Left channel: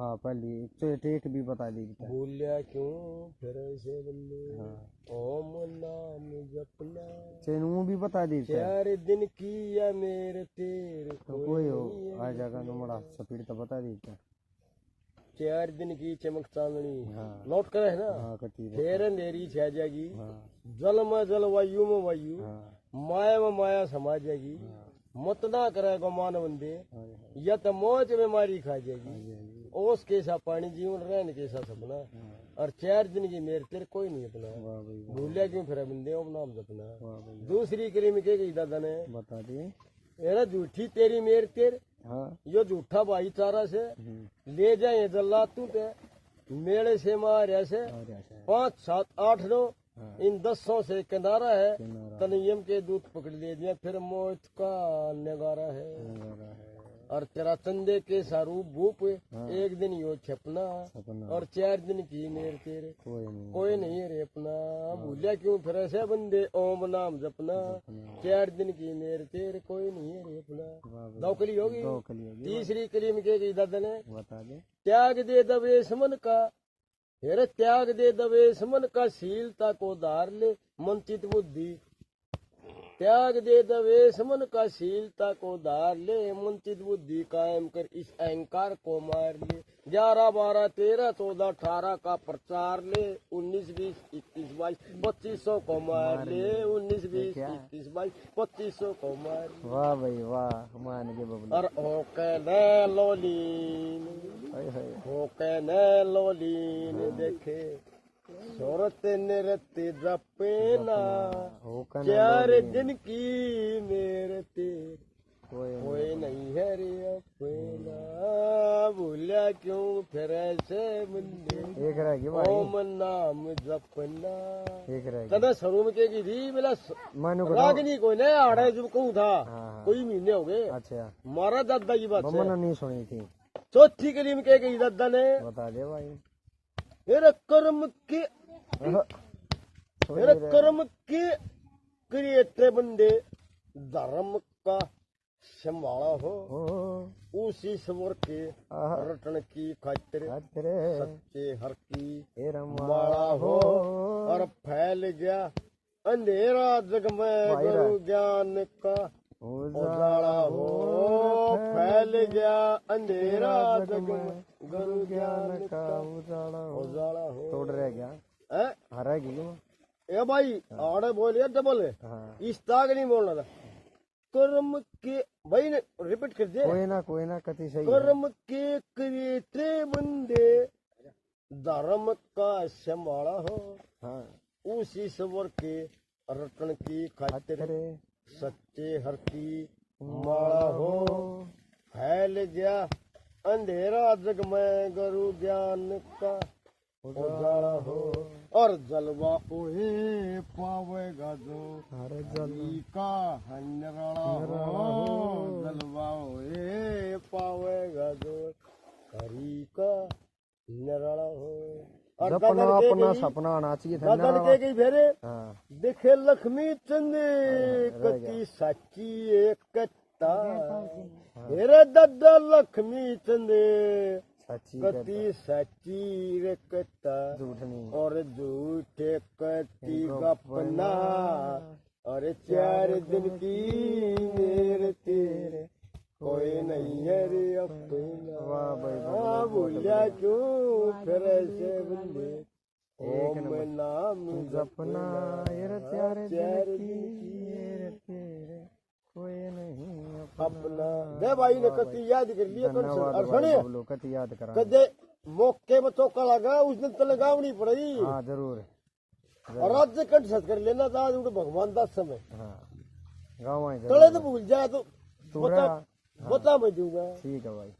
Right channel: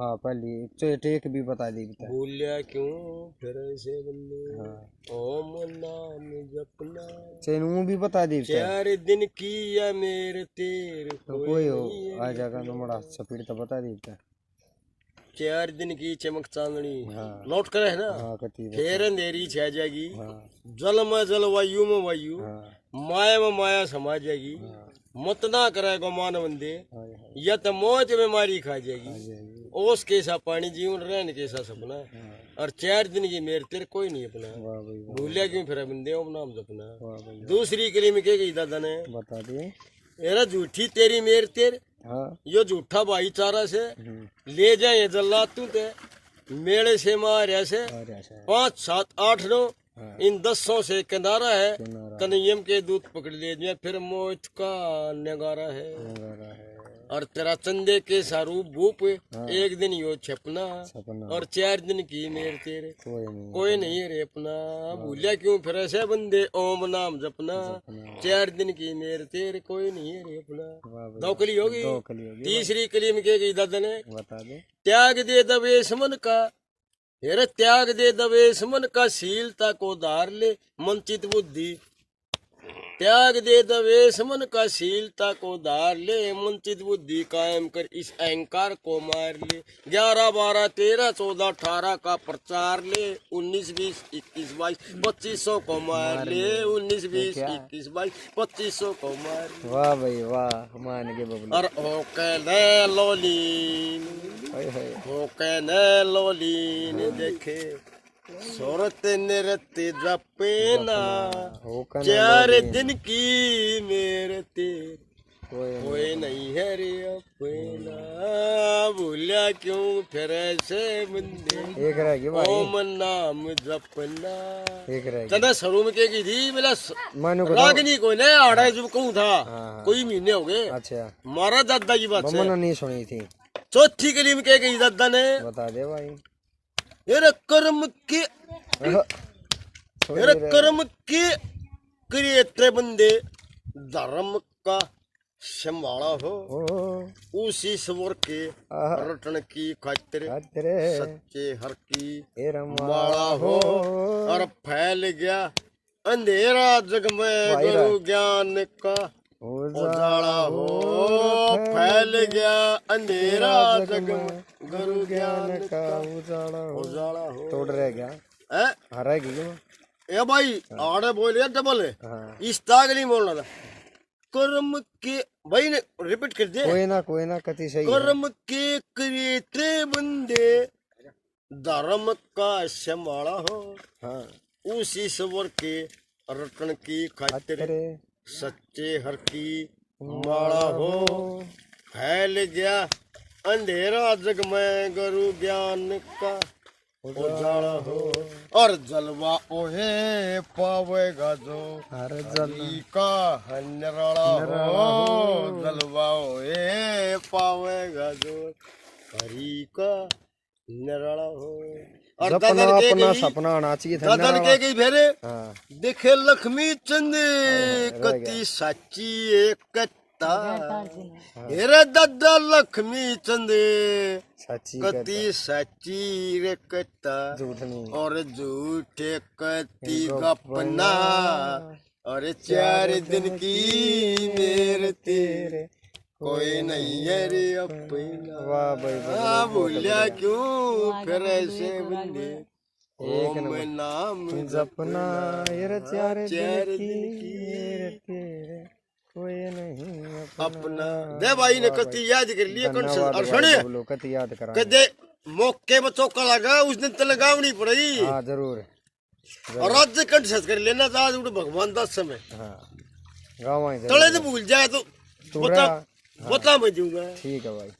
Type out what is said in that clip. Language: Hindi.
हाँ पहली टेक भी बता दी बता। भूलिया क्यों फिर ऐसे बंदे। हाँ ओम नाम जपना। चैन भी बता दी बता। 4 दिन की या मेरे तेरे तो कोई हो आ जाएगा तो बड़ा स्पीड तो बता दी बता। 4 दिन की चमक चांदनी। हाँ नोट करे है ना। हाँ कती फिर अंधेरी छा जाएगी। हाँ जल में जल वायु में वायु। हाँ माया में माया समा जाएगी। हाँ मत ना करेगा मान बंदे। हाँ हाँ, या तो मौज बीमारी खा आ जाएगी। जाएगी। ओस कैसा पानी जीवन रहने कैसा सपना। हाँ, और 4 दिन की मेरे तेरे कोई नहीं अपना। वाह भाई वाह, भूलिया क्यों फिर बंदे ओम नाम जपना। वाह भाई दूसरी कली में क्या कही दादा ने। बता दिए। एरा झूठी तेरी मेर तेर। हाँ यो झूठा भाईचारा से हम्म, ले जाए जल्ला तू ते मेले से मारे से अरे अच्छा 5 7 8 9 हाँ इन 10 से किनारा है। किनारा तनियम के दूध पकड़ ले दिया फिर मौत का नगारा है। नजारा है और तेरा चंदे के सारूप भूप हाँ। एक दिन यो छपना। सपना और 4 दिन की मेर तेरे कोई नहीं कोई नहीं रे अपना। भूलिया क्यों फिर ऐसे बंदे ओम नाम जपना। सपना 4 दिन की मेर तेरे कोई नहीं रे अपना। वाह भाई 2 कली होगी। दो कली होगी तीसरी कली में क्या कही दादा ने। बता दे। त्याग दे दवेश मन का। हेरे त्याग दे दवेश मन का शीलता को धार ले मंचित बुद्धि। त्याग दे दवेश मन का शीलता को धार ले मंचित बुद्धि कायम कर इस अहंकार को मार ले। 11 12 13 14 18 का प्रचार ले 19 20 21 22 2500 को मार ले 19 20 21 22 2500 को मार ले। वाह भाई वाह मान के बबलू। और होके ने लोलीन हाय हाय होके ने लोलीन देखे सूरत नृत्य जपेना। हो कन 4 दिन की मेरे तेरे कोई कोई नहीं है रे अपना। भूलिया क्यों फिर ऐसे बंदे एक रह गई भाई ओम नाम जपना। एक रह गई तना सरू में की थी मेरा मानो को रागनी को ने आड़ा जब कहूँ था हाँ। कोई महीने हो गए। अच्छा मारा दादा की बात मम्मा से ने नहीं सुनी थी। चौथी कली में क्या कही दादा ने। बता दे भाई। मेरे कर्म के मेरे कर्म के क्रिएटर बंदे धर्म का संभाला हो। ओ उसी स्वर के आहा रटन की खातिर तेरे सच्चे हर की ए रम्मा माला हो। और फैल गया अंधेरा जग में गुरु ज्ञान का उजाला हो। फैल गया अंधेरा जग में गुरु ज्ञान का उजाला हो। तोड़ रह गया हैं? हरा गई ए भाई आड़े बोलिए डबल है। हाँ इस ताग नहीं बोलना था। कर्म के भाई ने रिपीट कर दे। कोई ना कति सही है। कर्म के क्रिएटे बंदे धर्म का संभाला हो। हाँ उसी स्वर के रटन की खातिर तेरे सच्चे हर की माला हो। फैल गया अंधेरा जग में गुरु ज्ञान का उजाला हो। और जलवा ओहे पावेगा जो हर हरि का हन्यराला हो। जलवा ओहे पावेगा जो हरि का निराला हो। और अपना दादन के अपना गई सपना आना चाहिए था दादन के गई फेरे हाँ देखे लक्ष्मी चंद कति साची एकता। हेरे दादा लक्ष्मी चंद सच्ची कति साची रे कता। झूठ नहीं और झूठे कति गपना। और 4 दिन की मेरे तेरे कोई नहीं है रे अपना। वाह भाई हाँ भूलिया क्यों फिर ऐसे बंदे ओम नाम जपना ये 4 4 दिन की मेरे तेरे कोई नहीं अपना। दे भाई ने कति याद कर लिए कौन सा। और सुनिए बबलू कति याद करा। कदे मौके में चौका लगा उस दिन तो लगावनी पड़ेगी। हाँ जरूर और आज कंठ सच कर लेना था आज भगवान दास समय। हाँ गाँव तले तो भूल जाए तो तोड़ा बता मैं दूंगा। ठीक है भाई।